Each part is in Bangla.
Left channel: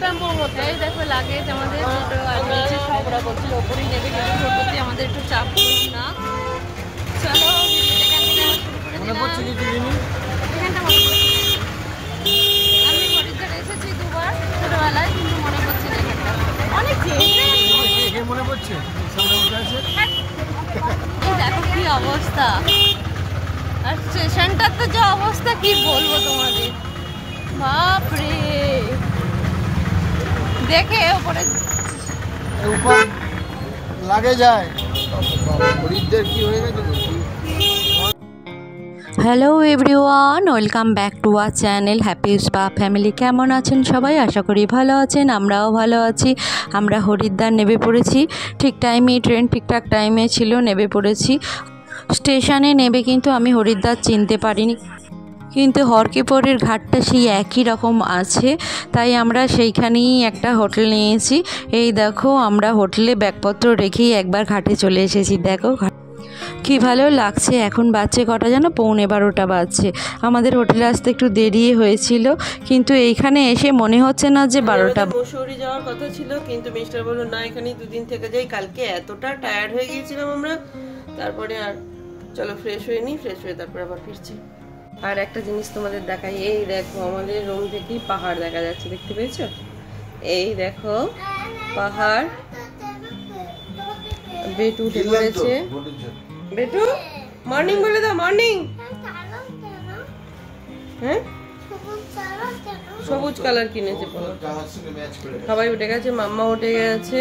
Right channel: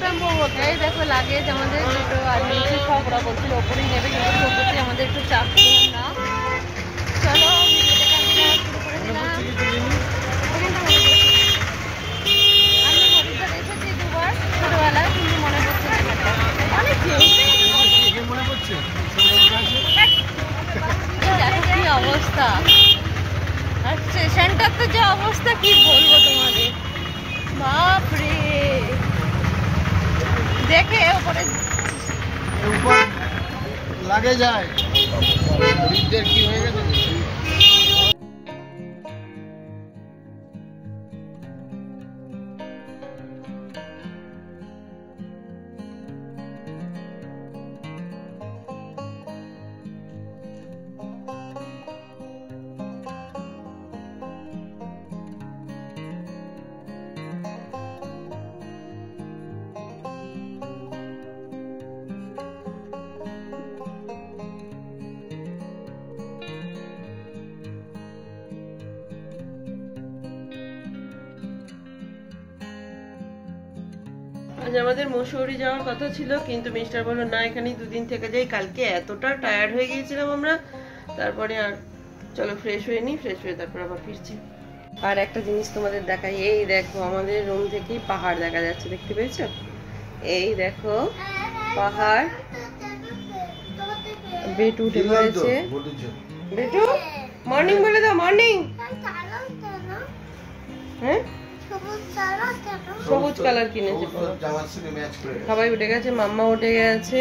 এই দেখো লাগেজ আমাদের দুটো আর নিচে সব ওরা বলছিল ওপরেই নেবে, কিন্তু টোটোতে আমাদের একটু চাপ না। চলো ভিডিওটা কন্টিনিউ শুরু করে দিলাম। এখানটা মনে পড়ছে, আমি হরিদ্বার এসেছি দুবার ছোটবেলায়, কিন্তু মনে পড়ছে না এখানটা অনেক মনে পড়ছে। দেখো কি অবস্থা, আর স্টেশনটার তো যে অবস্থা কি বলবো তোমাদের, বাপরে। দেখে উপরে লাগে যায় কি হয়ে গেছে। Hello everyone, welcome back to our channel happy spa family. কেমন আছেন সবাই? আশা করি ভালো আছেন, আমরাও ভালো আছি। আমরা হরিদ্বার নেমে পড়েছি, ঠিক টাইমে ট্রেন ঠিকঠাক টাইমে ছিল, নেমে পড়েছি। স্টেশনে নেবে কিন্তু আমি হরিদ্বার চিনতে পারিনি, কিন্তু হরকিপোরের ঘাটটা সেই একই রকম আছে, তাই আমরা সেইখানেই একটা হোটেল নিয়েছি। এই দেখো আমরা হোটেলে ব্যাগপত্র রেখেই একবার ঘাটে চলে এসেছি। দেখো কি ভালো লাগছে। এখন বাজছে কটা যেন, 11:15 বাজছে। আমাদের হোটেলে আসতে একটু দেরি হয়েছিল, কিন্তু এইখানে এসে মনে হচ্ছে না যে 12টা। মসুরি যাওয়ার কথা ছিল, কিন্তু মিস্টার বলল না এখানেই দুদিন থেকে যাই। কালকে এতটা টায়ার্ড হয়ে গিয়েছিলাম আমরা, তারপরে আর চলো ফ্রেশ হয়ে নিই, ফ্রেশ হয়ে তারপর আবার ফিরছি। আর একটা জিনিস তোমাদের দেখাই, এই দেখো আমাদের রুম থেকেই পাহাড় দেখা যাচ্ছে, দেখতে পেয়েছো? এই দেখো পাহাড়। বেটু উঠে পড়েছে। বেটু মর্নিং বলে দাও, মর্নিং। হ্যাঁ সবুজ কালার কিনেছে, সবাই উঠে গেছে, মাম্মা উঠে গেছে,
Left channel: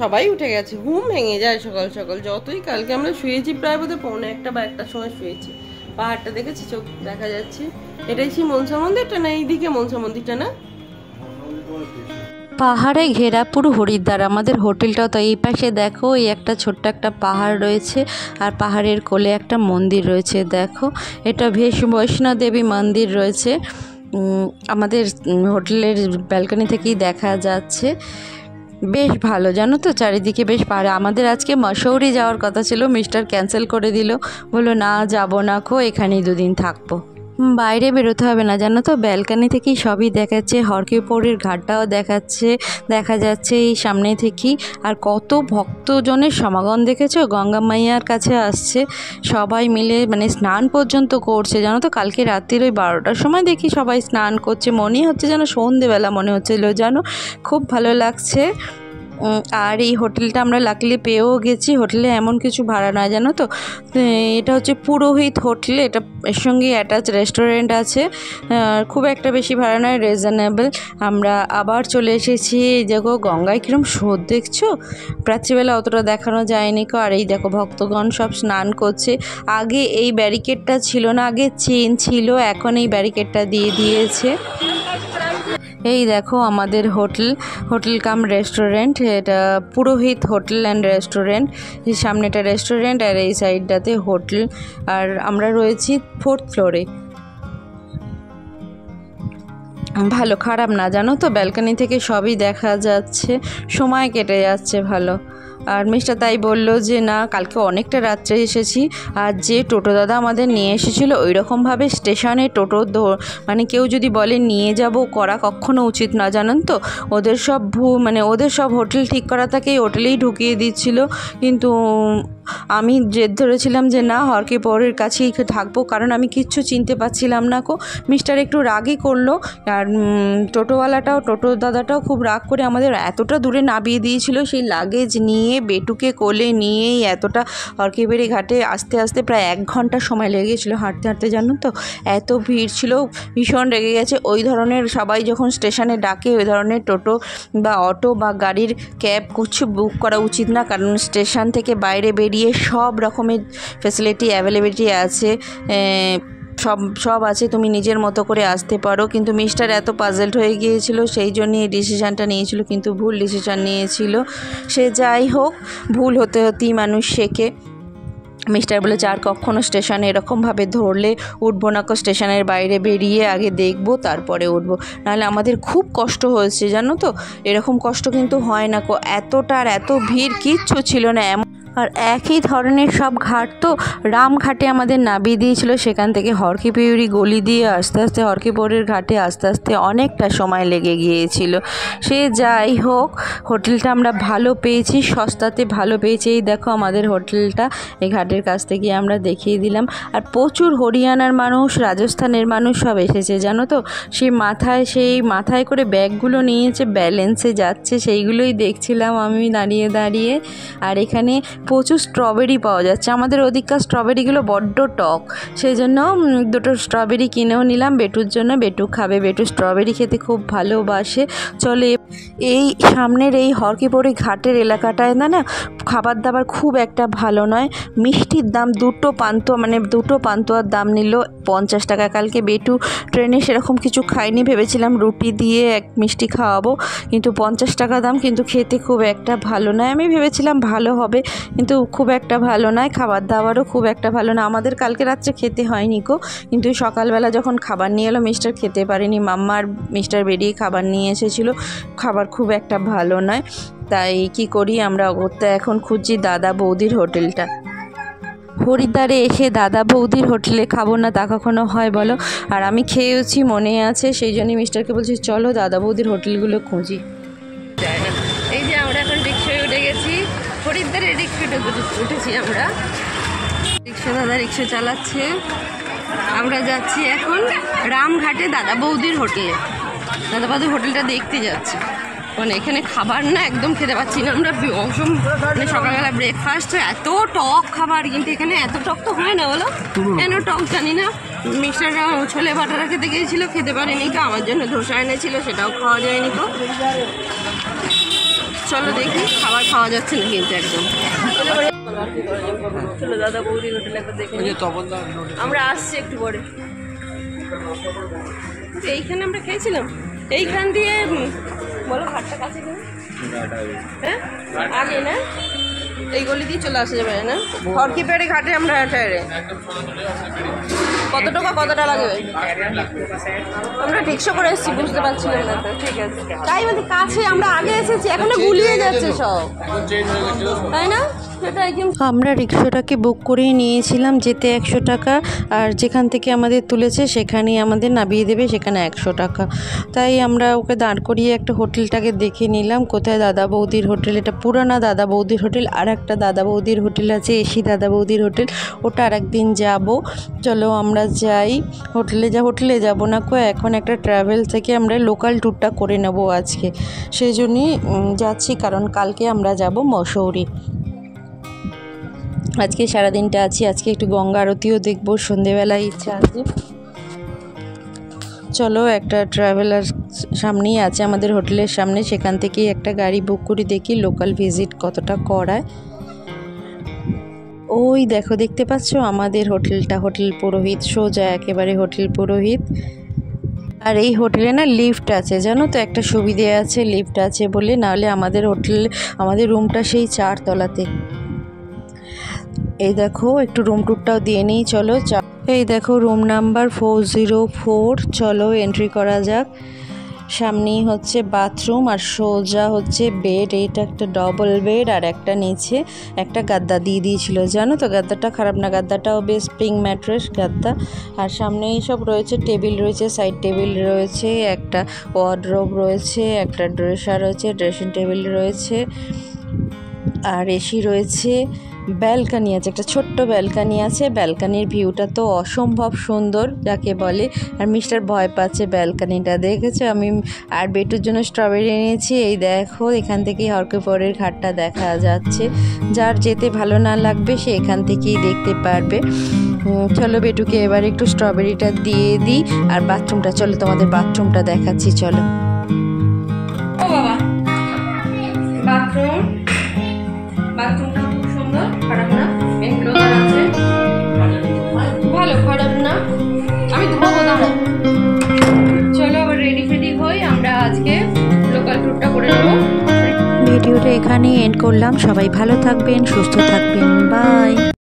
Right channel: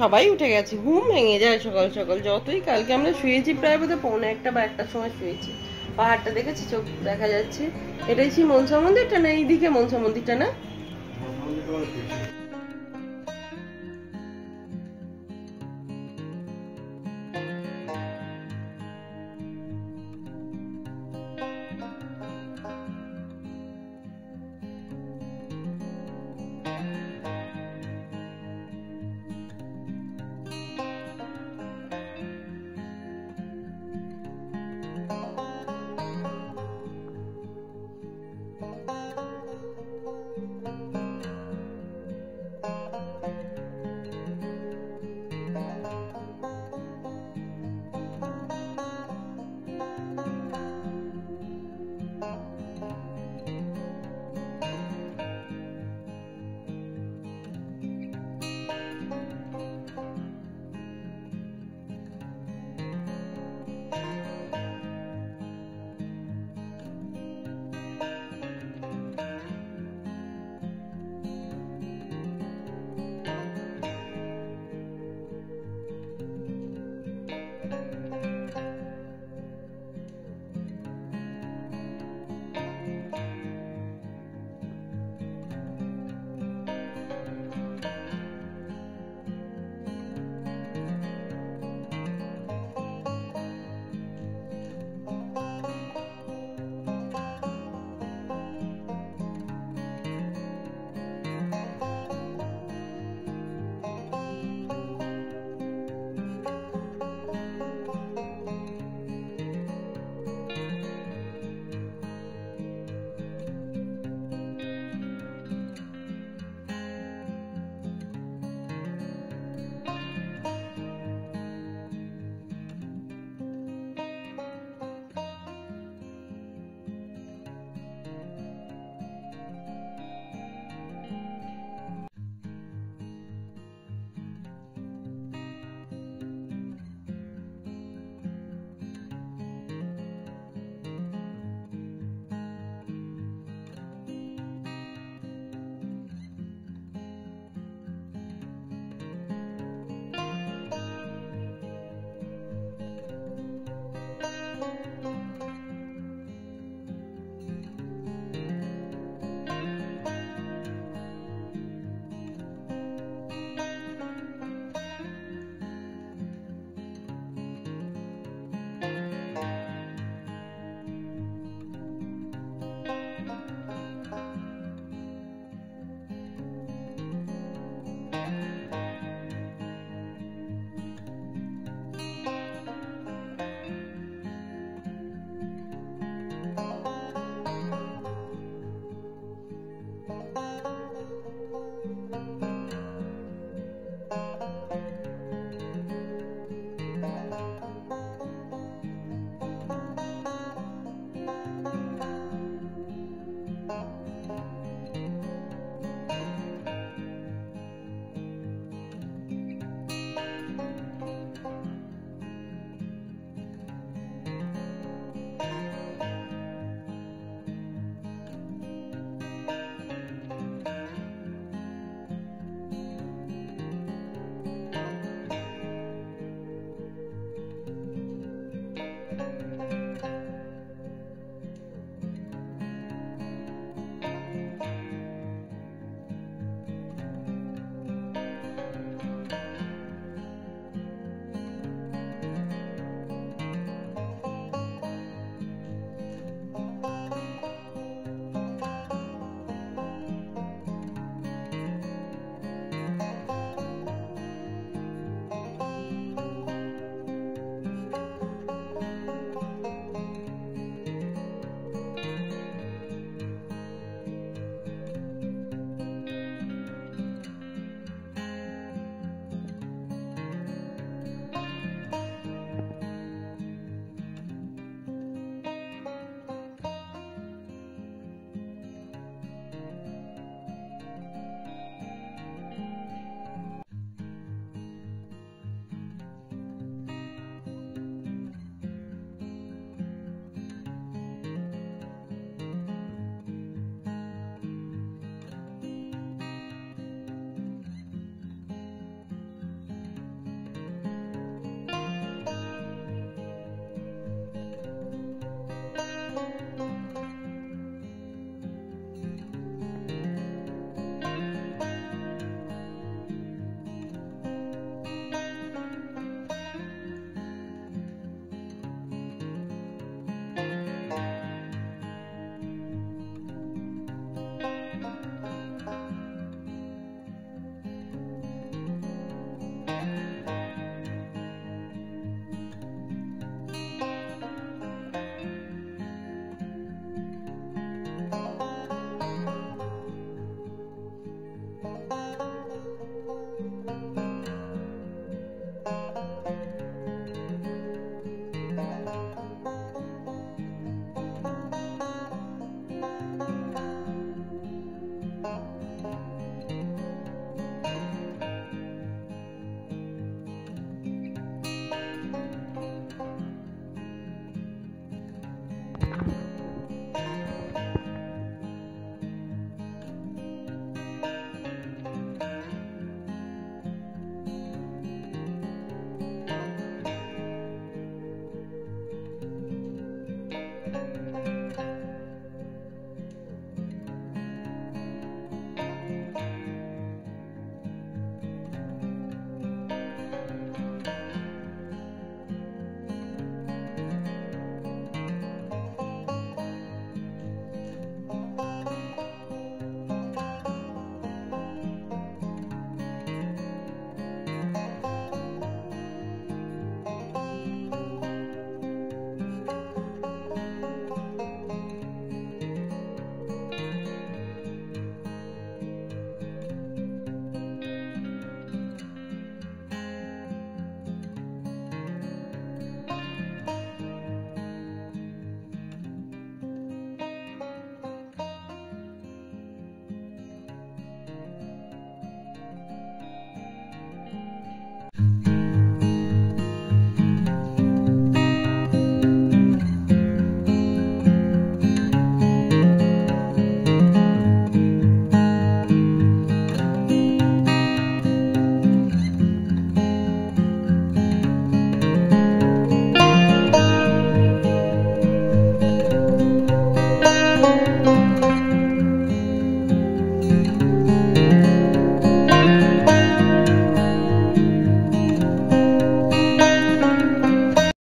সবাই উঠে গেছে। ঘুম ভেঙে যায় সকাল সকাল, যতই কালকে আমরা শুয়েছি প্রায় বোধহয় 1:45 বা 1টার সময় শুয়েছি। পাহাড়টা দেখেছি, চোখ দেখা যাচ্ছে। এটাই সেই মনসা মন্দিরটা না? এইদিকে মনসা মন্দিরটা না? পাহাড়ে ঘেরা পুরো হরিদ্বার। আমাদের হোটেলটাও তো এই পাশে দেখো, এই একটা ছোট্ট একটা পাহাড় রয়েছে, আর পাহাড়ের কোলে একটা মন্দির রয়েছে। দেখো এটা বৈষ্ণো দেবী মন্দির রয়েছে। আমাদের হোটেলের ব্যালকনি থেকেই দেখা যাচ্ছে। বেশ ভালো জানো তো, চারিদিকে বেশ পাহাড়। আমাদের আজকে মসৌরি যাওয়ার কথা ছিল, মিস্টার ক্যান্সেল করে দিল, বললো না যাবো না খো, এখানেই দুদিন থাকবো, বাইরে বেরোতে হবে না। জানো তো ব্যালকনি থেকেই সবই দেখাচ্ছে, হরকিপোরের ঘাটটাও দেখা যাচ্ছে এই সামনে থেকেই। আর কত ভক্তজনের সমাগম দেখেছো, গঙ্গা মাইয়ার কাছে আসছে সবাই মিলে, মানে স্নান পর্যন্ত করছে। জানো তো কালকে রাত্রির ওই 12টার সময় দেখি সবাই স্নান করছে, মনেই হচ্ছে যেন সন্ধেবেলা মনে হচ্ছিল, জানো খুব ভালো লাগছে। আর এই হোটেলটা আমরা লাকিলি পেয়েও গেছি। হোটেলে এমন কিছু ভাড়া নয়, জানো তো, এটা হচ্ছে পুরোহিত হোটেল, এটা এর সঙ্গে অ্যাটাচ রেস্টুরেন্ট আছে। খুব একটা বেশি ভাড়া নয়, রিজনেবল। আমরা আবার চলে এসেছি। এই দেখো গঙ্গায় কীরকম স্রোত দেখছো, রাত্রিবেলা অতটা দেখানো যায়নি কো। আর এই দেখো ভক্তগণ সব স্নান করছে। আগে এই ব্যারিকেডটা ছিল না, আগে চেন ছিল, এখন এই ব্যারিকেডটা দিয়ে দিয়েছে। এই দেখো আমাদের হোটেল কাম রেস্টুরেন্ট, এটা পুরোহিত হোটেল অ্যান্ড রেস্টুরেন্ট। এই সামনেটা রেস্টুরেন্ট আর এই সাইডটাতে হোটেল। আর আমরা রয়েছি 4th ফ্লোরে। ভালো, খারাপ না জানো তো, ব্যালকনি থেকে সবই দেখা যাচ্ছে, সময় কেটে যাচ্ছে ভালো। আর মিস্টার তাই বললো যে না কালকে অনেকটা রাত্রে এসেছি, আর যে টোটো দাদা আমাদের নিয়ে এসেছিলো ওই রকমভাবে স্টেশনে টোটো মানে কেউ যদি বলে নিয়ে যাব করা কখনো উচিত না, জানেন তো। ওদের সব ওদের সব হোটেল ঠিক করা থাকে, হোটেলেই ঢুকিয়ে দিচ্ছিল। কিন্তু আমি জেদ ধরেছিলাম যে না হরকিপোরের কাছেই থাকবো, কারণ আমি কিচ্ছু চিনতে পারছিলাম না কো। মিস্টার একটু রাগই করলো, আর টোটো দাদাটাও খুব রাগ করে আমাদের এতটা দূরে নামিয়ে দিয়েছিল। সেই লাগেজ নিয়ে বেটুকে কোলে নিয়েই এতটা হরকিপোরে ঘাটে আসতে আসতে প্রায় 1 ঘন্টা সময় লেগে গেছিলো হাঁটতে হাঁটতে, জানো তো এত ভিড় ছিল, ভীষণ রেগে গেছে। ওই ধরনের সবাই যখন স্টেশনে ডাকে ওই ধরনের টোটো বা অটো বা গাড়ির ক্যাব কিছু বুক করা উচিত না, কারণ স্টেশন থেকে বাইরে বেরিয়ে সব রকমের ফেসিলিটি অ্যাভেলেবিলিটি আছে, সব আছে, তুমি নিজের মতো করে আসতে পারো। কিন্তু মিস্টার এত পাজেলড হয়ে গিয়েছিল, সেই জন্য এই ডিসিশানটা নিয়েছিল, কিন্তু ভুল ডিসিশান নিয়েছিল। সে যাই হোক, ভুল হতে হতেই মানুষ শেখে। মিস্টার বলেছে আর কখনো স্টেশনে এরকমভাবে ধরলে উঠবো না কো, স্টেশনের বাইরে বেরিয়ে আগে দেখবো তারপরে উঠবো, নাহলে আমাদের খুব কষ্ট হয়েছে, জানো তো। এরকম কষ্ট কিন্তু হয় না কো, এতটা আর এত ভিড় কিচ্ছু ছিল না। আর একই ধরনের সব ঘাট তো, রামঘাটে আমাদের নামিয়ে দিয়েছিল, সেখান থেকে হরকিপিউরি গলি দিয়ে আস্তে আস্তে হরকিপুরের ঘাটে আস্তে আস্তে অনেকটা সময় লেগে গিয়েছিল। সে যাই হোক, হোটেলটা আমরা ভালো পেয়েছি, সস্তাতে ভালো পেয়েছি। এই দেখো আমাদের হোটেলটা, এই ঘাটের কাছ থেকে আমরা দেখিয়ে দিলাম। আর প্রচুর হরিয়ানার মানুষ, রাজস্থানের মানুষ সব এসেছে জানো তো। সেই মাথায় করে ব্যাগগুলো নিয়েছে, ব্যালেন্সে যাচ্ছে, সেইগুলোই দেখছিলাম আমি দাঁড়িয়ে দাঁড়িয়ে। আর এখানে প্রচুর স্ট্রবেরি পাওয়া যাচ্ছে। আমাদের ওদিককার স্ট্রবেরিগুলো বড্ড টক, সেই জন্য দুটো স্ট্রবেরি কিনেও নিলাম বেটুর জন্য। বেটু খাবে, বেটু স্ট্রবেরি খেতে খুব ভালোবাসে। চলে এই সামনের এই হরকিপুরি ঘাটের এলাকাটায় না খাবার দাবার খুব একটা ভালো নয়। মিষ্টির দাম দুটো পান্তুয়ার দাম নিল 50 টাকা। কালকে বেটু ট্রেনে সেরকম কিছু খাইনি, ভেবেছিলাম রুটি দিয়ে এক মিষ্টি খাওয়াবো, কিন্তু 50 টাকা দাম, কিন্তু খেতে খুব একটা ভালো নয়। আমি ভেবেছিলাম ভালো হবে, কিন্তু খুব একটা ভালো নয়। খাবার দাবারও খুব একটা ভালো না। আমাদের কালকে রাত্রে খেতে হয়নি গো, কিন্তু সকালবেলা যখন খাবার নিয়ে এলো মিস্টার খেতে পারেনি। মাম্মা আর মিস্টার বেরিয়ে খাবার নিয়ে এসেছিলো, খাবার খুব একটা ভালো নয়। তাই কি করি, আমরা ওতে এখন খুঁজছি দাদা বৌদির হোটেলটা। হরিদ্বারে এসে দাদা বৌদির হোটেলে খাবো না তা কখনো হয় বলো? আর আমি খেয়েওছি, মনে আছে, সেই জন্যই মিস্টারকে বলছি চলো দাদা বৌদির হোটেলগুলো খুঁজি। এই যে আমরা এখন রিক্সায় উঠে গেছি, হরিদ্বারে রিক্সাটা উঠেছি আমরা। দাদা রিক্সা চালাচ্ছে। আমরা যাচ্ছি এখন রামঘাটে দাদা বৌদির হোটেলে। দাদা বৌদির হোটেলটা দেখতে যাচ্ছি, মানে এখানে খাবার না একদম খেতে পাচ্ছি না আমরা। মানে সকালবেলা ব্রেকফাস্ট এত টক খাবার, কিন্তু এখানে এত টক তো হয় না বলো, কেন টক জানি না। মিস্টাররা ছোলে বাটারা খেতে গিয়েছিল, খেতে পারেনি তো, আমার জন্য ধোসা এনেছিল, সেটাও খাওয়া যায়নি তো। চলো দেখি, খাবার খাওয়া যাচ্ছে না কিন্তু একদম। চলো দাদা বৌদির হোটেল একবার দেখে আমরা আসছি একটু পরে। এইখানে আমরা খেয়েছিলাম, এইখান দিয়ে বলো ঘাটটা কাছে, হ্যাঁ আগে না, এই গলি দিয়ে চলে আসা যাবে না? হরকিপুরি ঘাটে আমরা কতটা লাগবে? আমরা রিক্সা করে এসেছি, বুঝতে পারছিলাম না। ঠিক আছে, তাই বলছি কাছে আমরা আগে এসেছি, এখনো গুলিয়ে যাচ্ছে সব, তাই না? আমরা রিক্সাটাকে বুক করেই নিয়েছিলাম, যেতে 100 টাকা, আর যেখান থেকে আমাদের তুলেছে সেখানেই আমাদের নামিয়ে দেবে, সেখানে 100 টাকা। তাই আমরা ওকে দাঁড় করিয়ে একটা হোটেলটাকে দেখে নিলাম, কোথায় দাদা বৌদির হোটেল। এটা পুরানা দাদা বৌদির হোটেল। আর একটা দাদা বৌদির হোটেল আছে, এসি দাদা বৌদির হোটেল, ওটা আর একদিন যাব। চলো আমরা যাই হোটেলে যাব না কো, এখন একটা ট্রাভেল থেকে আমরা লোকাল ট্যুরটা করে নেব আজকে, সেই জন্যই যাচ্ছি, কারণ কালকে আমরা যাব মসৌরি। আজকে সারাদিনটা আছি, আজকে একটু গঙ্গা আরতিও দেখবো সন্ধেবেলায়, ইচ্ছা আছে। চলো, একটা ট্রাভেলার সামনেই আছে আমাদের হোটেলের সামনে, সেখান থেকেই একটা গাড়ি বুক করি, দেখি লোকাল ভিজিট কতটা করায়। ওই দেখো, দেখতে পাচ্ছ আমাদের হোটেলটা, হোটেল পুরোহিত, সোজা একেবারে হোটেল পুরোহিত। আর এই হোটেলে না লিফট আছে জানো তো, একটা সুবিধে আছে, লিফট আছে বলে, নাহলে আমাদের রুমটা সেই 4 তলাতে। এই দেখো, একটু রুম টুরটাও দিয়ে নিই চলো। এই দেখো রুম নাম্বার 404, চলো এন্ট্রি করা যাক। সামনেই হচ্ছে বাথরুম, আর সোজা হচ্ছে বেড। এইটা একটা ডবল বেড, আর একটা নিচে একটা গাদ্দা দিয়ে দিয়েছিল জানো তো। গাদ্দাটা খারাপ না, গাদ্দাটাও বেশ স্প্রিং ম্যাট্রেস গাদ্দা। আর সামনেই সব রয়েছে, টেবিল রয়েছে, সাইড টেবিল রয়েছে, একটা ওয়ার্ডরোব রয়েছে, একটা ড্রেসার রয়েছে, ড্রেসিং টেবিল রয়েছে, আর এসি রয়েছে। ব্যালকানি আছে, একটা ছোট্ট ব্যালকানি আছে। ব্যালকানির ভিউটা তো অসম্ভব সুন্দর যাকে বলে। আর মিস্টার ভয় পাচ্ছে ব্যালকানিটা, দেখেছো? আমি আর বেটুর জন্য স্ট্রবেরি এনেছি। এই দেখো, এখান থেকেই হরকিপুরের ঘাটটা দেখা যাচ্ছে। যার যেতে ভালো না লাগবে সে এখান থেকেই দেখতে পারবে। চলো বেটুকে এবার একটু স্ট্রবেরিটা দিয়ে দিই। আর বাথরুমটা, চলো তোমাদের বাথরুমটা দেখাচ্ছি, চলো।